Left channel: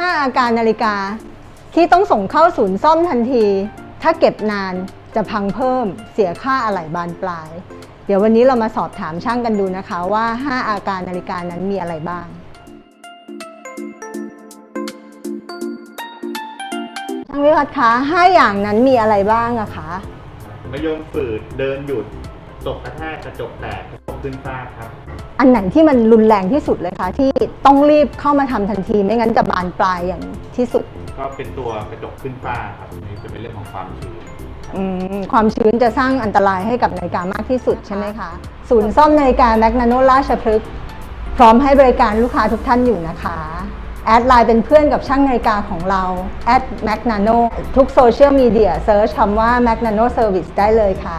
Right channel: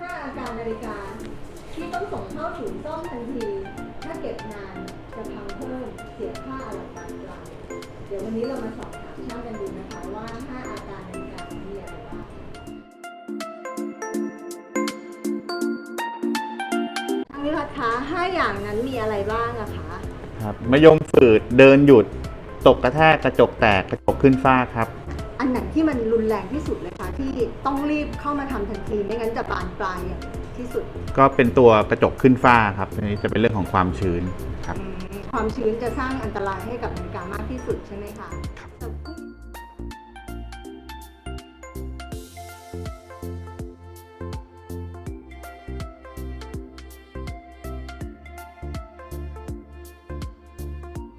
5 อาการนาฬิกา ที่ต้องส่งเข้าศูนย์ซ่อมทันที ถ้าเก็บนานจะพังเพิ่ม เสียค่าอะไหล่บานปลาย เดี๋ยววันนี้เรามาสอบถามช่างกันดูนะคะว่า 5 อาการนาฬิกานั้นมีอะไรบ้าง ช่างวิวัฒน์คะ5อย่างนั้นมีอะไรบ้างอะคะ ครับมะยมฝืดเดินหยุด ตกกระแทกกระจกแตกกระจกขึ้นฟ้าครับ อันไหนที่มันรุนแรงที่สุดเลยคะ ที่ต้องรีบเข้ามาทำทันทีไม่งั้นจะบานปลายอย่างที่สุดก็เป็นตัวกระจกขึ้นฟ้าครับอันนี้จะเป็นเรื่องของความชื้นครับ อืมความชื้นจะสร้างอันตรายให้กับนาฬิกามากที่สุดใช่ไหมคะ ศูนย์ซ่อมนาฬิกาแมกนาโนราชพฤกษ์พร้อมให้บริการลูกค้าทุกท่านอยู่นะคะ แอดไลน์เป็นเพื่อนกับช่างนาฬิกาของเราแอดแมกนาโนทุกโซเชียลมีเดียเซิร์ชคำว่า Magnano Service ได้เลยค่ะ